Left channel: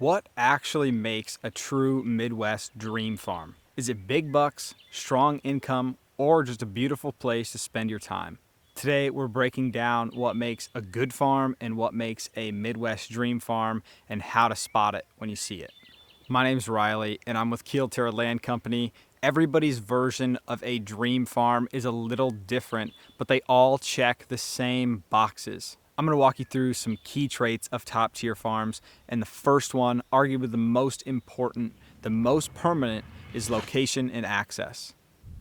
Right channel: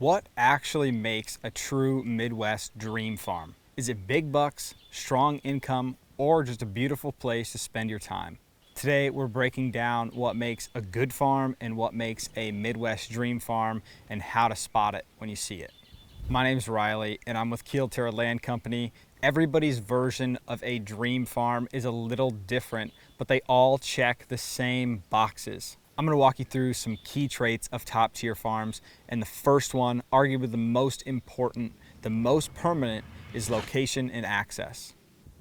What actually makes a true Midwest dream farm? Is it big bucks, strong income, or just a beautiful place to spend your time? Today we're breaking down what makes a good farm and what makes a Midwest dream farm and how to spot it when you see it. My name's Riley and I'm with KILOTERRA.Land.Co. Everybody's version of a dream farm is a little different, but they all check the same boxes. I'm going to walk you through some key traits of top tier farms, and the first one, arguably the most important, the most permanent, is location and access.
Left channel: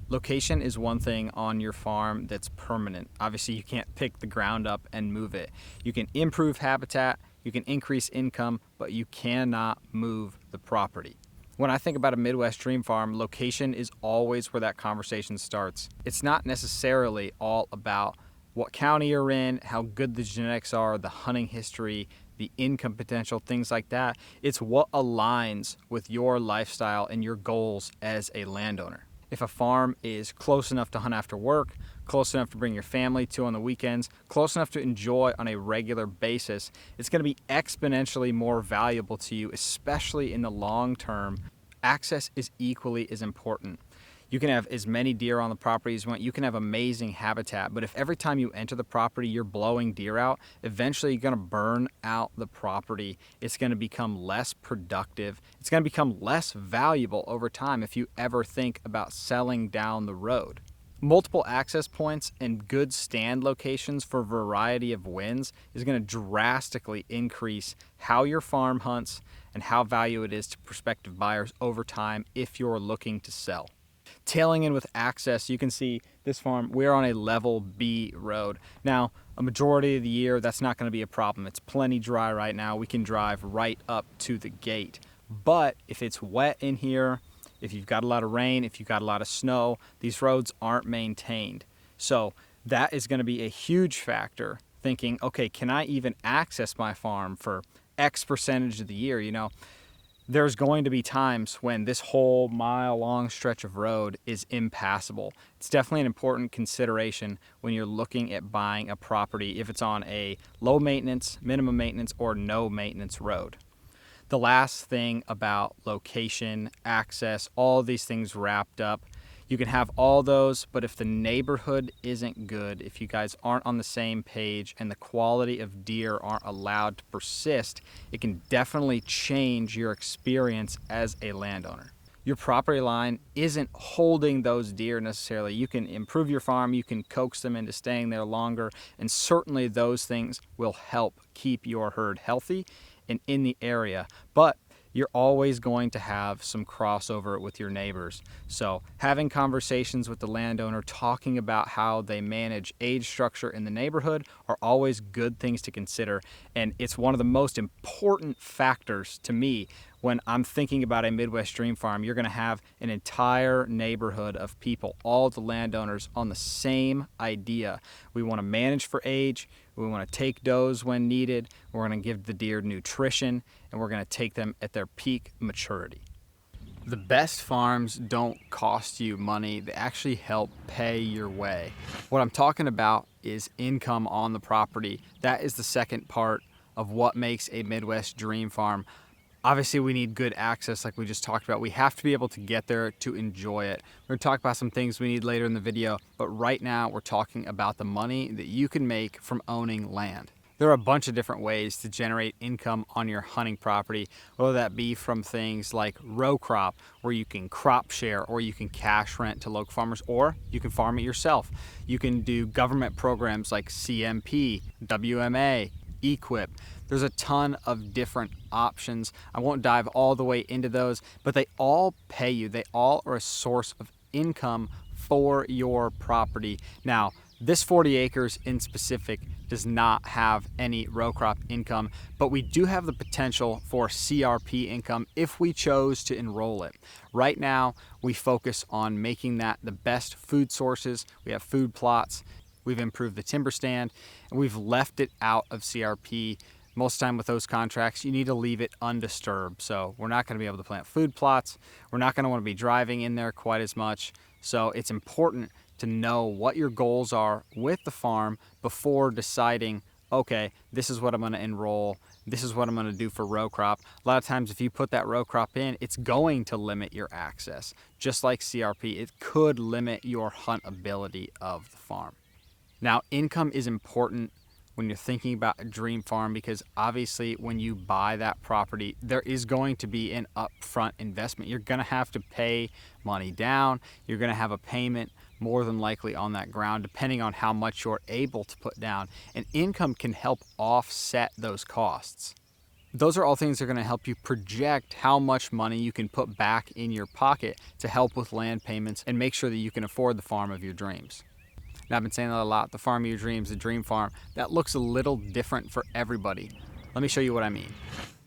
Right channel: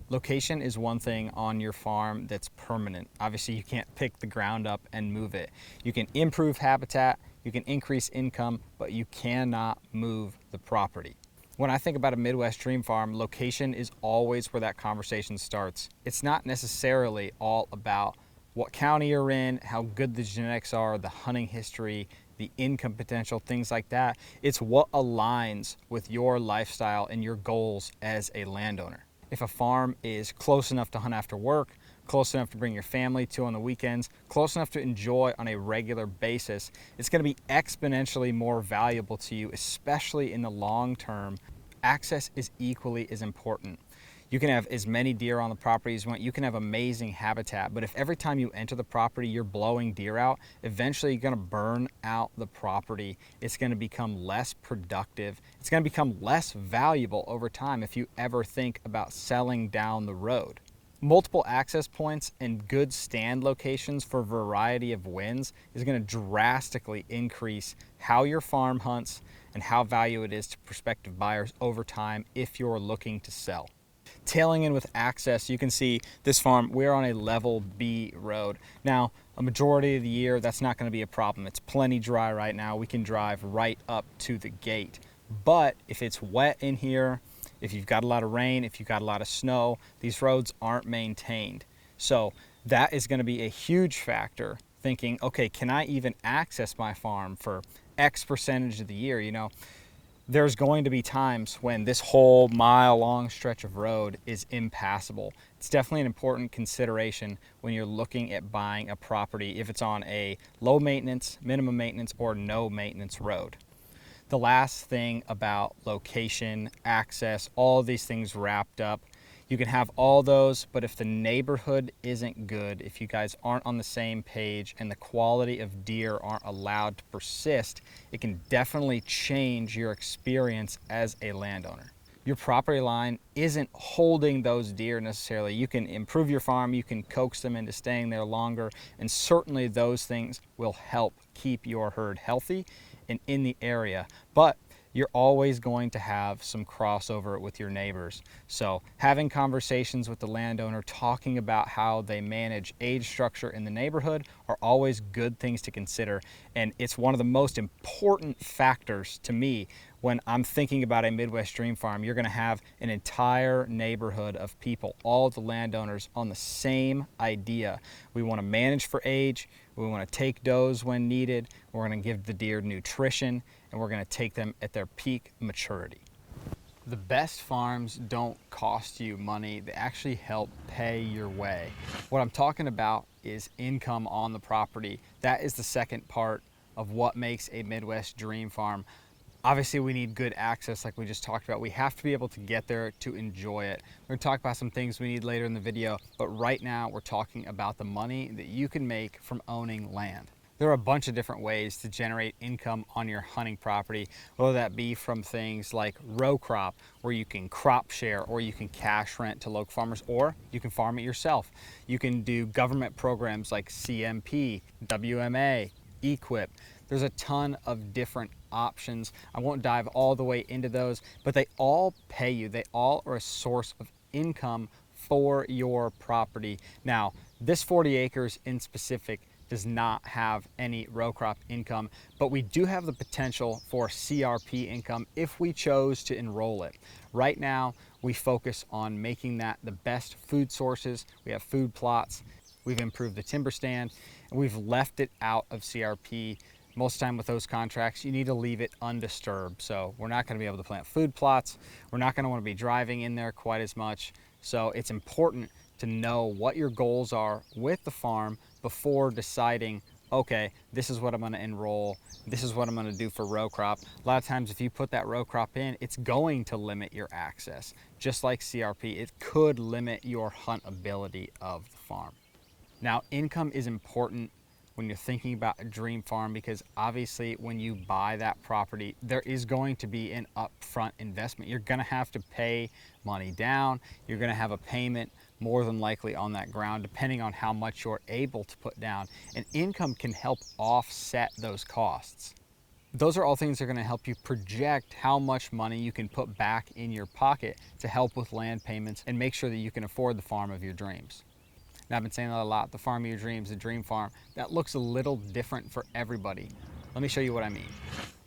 Location is one thing on your farm that's permanent. Obviously, you can't pick the ground up and move it. You can improve habitat, you can increase income, but you cannot move the property. When I think about a Midwest dream farm, location is always where that conversation starts. It's not necessarily all about what county you're in, how good the genetics are, the hunting history, the income potential, things like that. It's what aligns with your lifestyle and your goals as a landowner. If a farm is close enough to hunt after work, close enough to bring your family to on the weekends, close enough to enjoy on a regular basis, it's going to be exponentially more valuable to you, especially in the long term. Access is equally as important. You can have as many deer on the property as you want. You can have amazing habitat, but if every time you enter the property you're blowing deer out, eventually you're going to burn out the property. It's going to become less productive. It's going to become less valuable over time if you ever think about selling down the road. Multiple access points and good stand locations for a variety of winds is going to drastically increase how your farm hunts and how valuable it is to prospective buyers over time if you're looking to sell. Tailing in with access, you can see this farm, we're on a level B road. Now, a majority of the year, that's not going to be a problem. It's plenty dry right now. We can drive right up to the gate. But if it's wet in here, if you've got a lot of rain, if you've got a lot of snow, these roads aren't maintained. So that is going to be a huge factor, thinking, okay, can I even access my farm for X percentage of the year? You know, there's going to be times when this whole mile-long stretch of road is impassable. It's definitely an important consideration when you're looking at buying a property if it's on a low maintenance, minimum maintenance, or no maintenance road. The last thing about location, access, all these things wrapped up, you can have all those, but if the neighborhood isn't good, if you guys aren't on the same page and the quality of deer aren't allowed to persist, it can definitely change your experience as a landowner. Your property line isn't holding those deer necessarily. You can improve your farm, you can coax them into staying there longer, and certainly those things will help keep your herd healthy and in the area. But you're always going to have some crossover with your neighbors. So having conversations with the landowner, talking about how they manage age structure in the neighborhood are always good things to consider. And it's one of the most important factors to me when I'm thinking about a Midwest dream farm. You're gonna have an entire neighborhood of people, all the landowners on the same idea. We wanna manage for age, we wanna take does when needed, we're gonna give the deer nutrition, and we're going to take them at their peak maturity. The best farms don't cost you money, they actually help pay your way. What I'm talking about is income on the property. That is the second part of what makes a Midwest dream farm. Obviously, we need good access like we just talked about. We have to be able to get there to enjoy it. We're going to talk about some things we need later in the video, but right now we're talking about the money that you can make from owning land. There are a bunch of different ways to generate income on your hunting property, whether that be from things like row crop, where you can crop share, or you can cash rent to local farmers, or you can farm it yourself. You can do government programs like CMP, WMA, EQIP. There's a ton of different options. I won't dive all the way into those, but they all pay you. They all are a source of income for your property. Now, this 40 acres in specific does not have any row crop income, but we do have the potential for CRP income if we chose to enroll it. Right now, we focus on making that the best food sources. We have food plots, we've improved the timber stand, and we've left it out of CRP. Most of the time with those contracts, you need to leave it undisturbed. So we're not gonna be able to plant food plots. We're not gonna wanna be driving in there quite as much. So it's important to know what your goals are with the farm before deciding okay, this is what I'm going to enroll, this is what I'm going to do for row crop. A lot of times if you put that row crop in, it's going to limit your access. Just like CRP, it could limit your huntability of the farm. Now, income is important when you're thinking about a dream farm, because obviously when you buy that property, there is going to be an upfront investment. You're going to have to pay money down. You're going to have a payment more than likely on that ground, depending on how much you're able to put down. And income can help offset those costs. Those are all things that are going to help you project how much money you can put back in your pocket to help with land payments and make sure that you can afford the farm of your dreams. Now, I've been saying that a lot, the farm of your dreams, the dream farm, that looks a little different for everybody. Let me show you what I mean.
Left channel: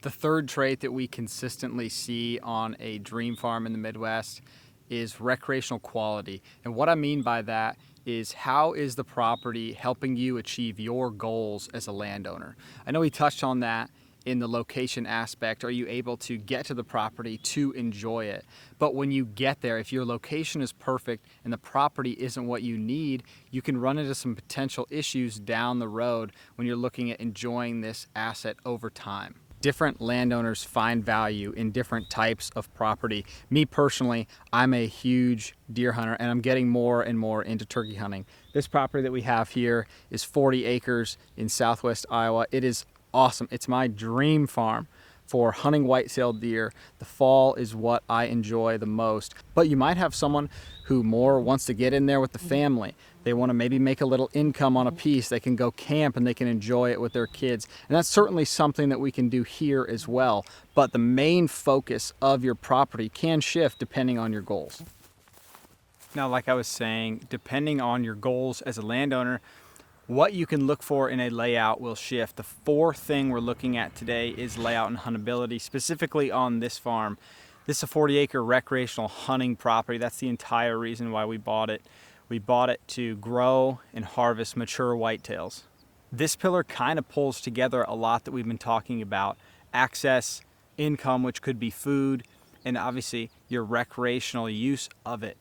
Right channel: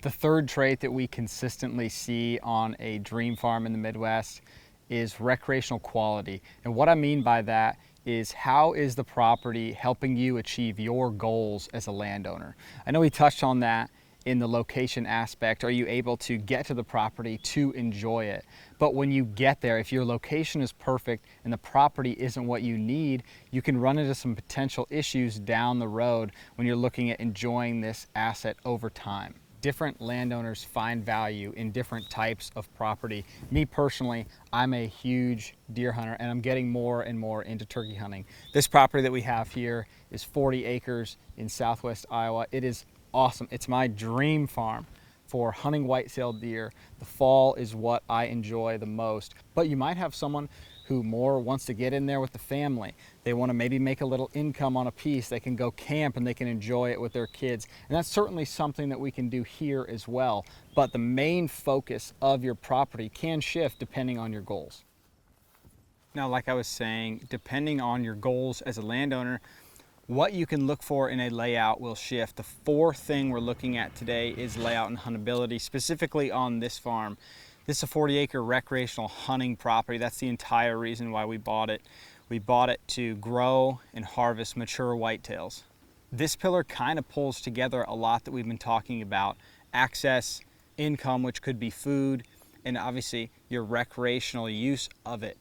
The third trait that we consistently see on a dream farm in the Midwest is recreational quality. And what I mean by that is, how is the property helping you achieve your goals as a landowner? I know we touched on that in the location aspect. Are you able to get to the property to enjoy it? But when you get there, if your location is perfect and the property isn't what you need, you can run into some potential issues down the road when you're looking at enjoying this asset over time. Different landowners find value in different types of property. Me personally, I'm a huge deer hunter, and I'm getting more and more into turkey hunting. This property that we have here is 40 acres in southwest Iowa. It is awesome. It's my dream farm for hunting white-tailed deer. The fall is what I enjoy the most. But you might have someone who more wants to get in there with the family. They want to maybe make a little income on a piece. They can go camp and they can enjoy it with their kids. And that's certainly something that we can do here as well. But the main focus of your property can shift depending on your goals. Now, like I was saying, depending on your goals as a landowner, what you can look for in a layout will shift. The fourth thing we're looking at today is layout and huntability, specifically on this farm. This is a 40-acre recreational hunting property. That's the entire reason why we bought it. We bought it to grow and harvest mature whitetails. This pillar kind of pulls together a lot that we've been talking about: access, income, which could be food, and obviously your recreational use of it.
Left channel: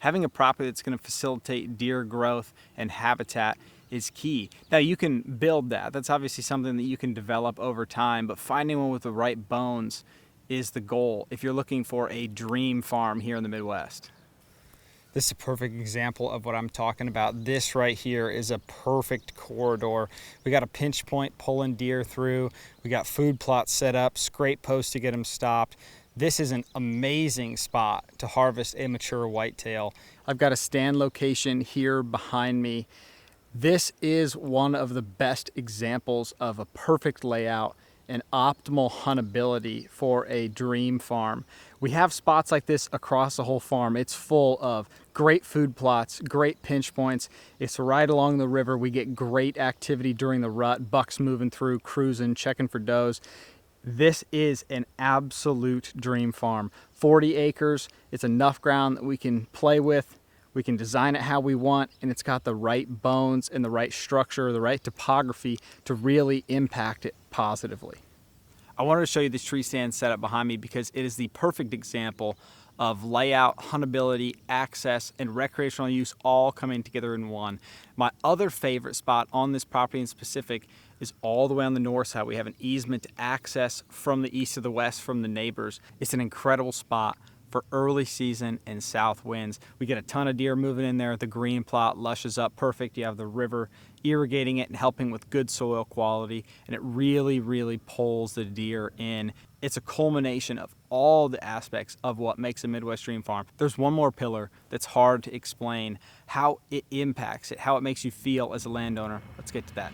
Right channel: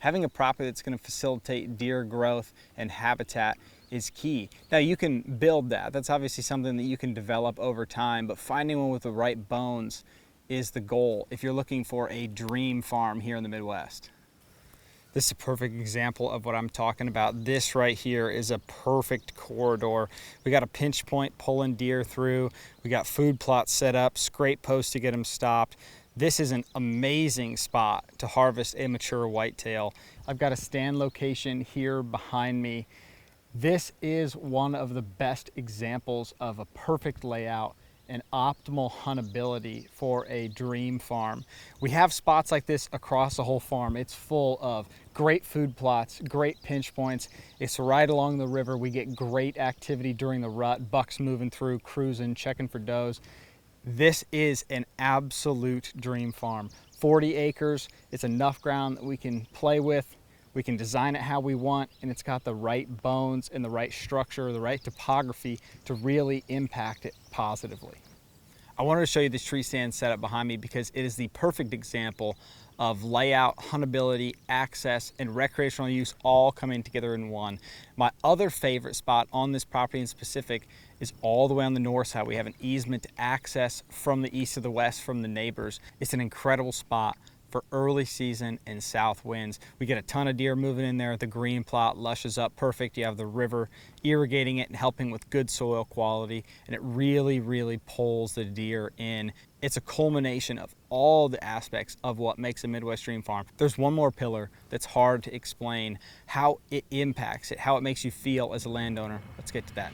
Having a property that's going to facilitate deer growth and habitat is key. Now, you can build that. That's obviously something that you can develop over time, but finding one with the right bones is the goal if you're looking for a dream farm here in the Midwest. This is a perfect example of what I'm talking about. This right here is a perfect corridor. We got a pinch point pulling deer through. We got food plots set up, scrape posts to get them stopped. This is an amazing spot to harvest a mature whitetail. I've got a stand location here behind me. This is one of the best examples of a perfect layout and optimal huntability for a dream farm. We have spots like this across the whole farm. It's full of great food plots, great pinch points. It's right along the river. We get great activity during the rut, bucks moving through, cruising, checking for does. This is an absolute dream farm. 40 acres, it's enough ground that we can play with. We can design it how we want, and it's got the right bones and the right structure, the right topography to really impact it positively. I wanted to show you this tree stand setup behind me because it is the perfect example of layout, huntability, access, and recreational use all coming together in one. My other favorite spot on this property in specific is all the way on the north side. We have an easement to access from the east to the west from the neighbors. It's an incredible spot for early season and south winds. We get a ton of deer moving in there. The green plot lushes up perfect. You have the river irrigating it and helping with good soil quality, and it really, really pulls the deer in. It's a culmination of all the aspects of what makes a Midwest dream farm. There's one more pillar that's hard to explain, how it impacts it, how it makes you feel as a landowner. Let's get to that.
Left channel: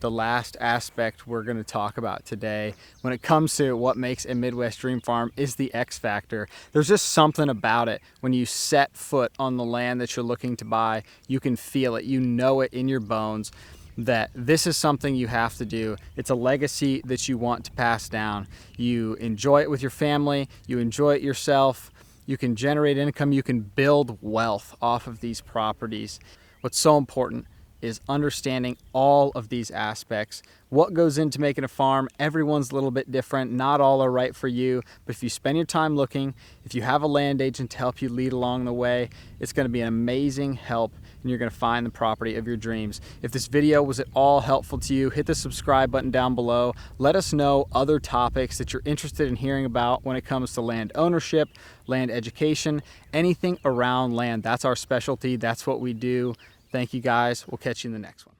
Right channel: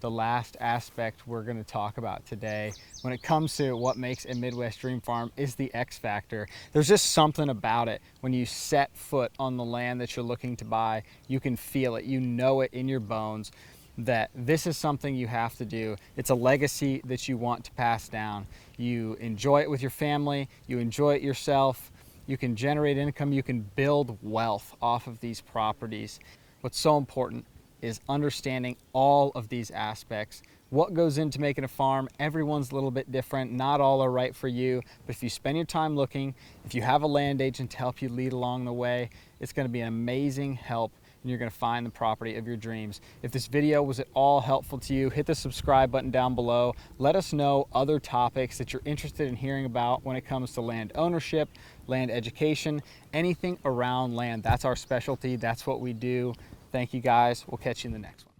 The last aspect we're going to talk about today when it comes to what makes a Midwest dream farm is the X factor. There's just something about it. When you set foot on the land that you're looking to buy, you can feel it. You know it in your bones that this is something you have to do. It's a legacy that you want to pass down. You enjoy it with your family. You enjoy it yourself. You can generate income. You can build wealth off of these properties. What's so important is understanding all of these aspects. What goes into making a farm, everyone's a little bit different. Not all are right for you, but if you spend your time looking, if you have a land agent to help you lead along the way, it's going to be an amazing help and you're going to find the property of your dreams. If this video was at all helpful to you, hit the subscribe button down below. Let us know other topics that you're interested in hearing about when it comes to land ownership, land education, anything around land. That's our specialty. That's what we do. Thank you guys. We'll catch you in the next one.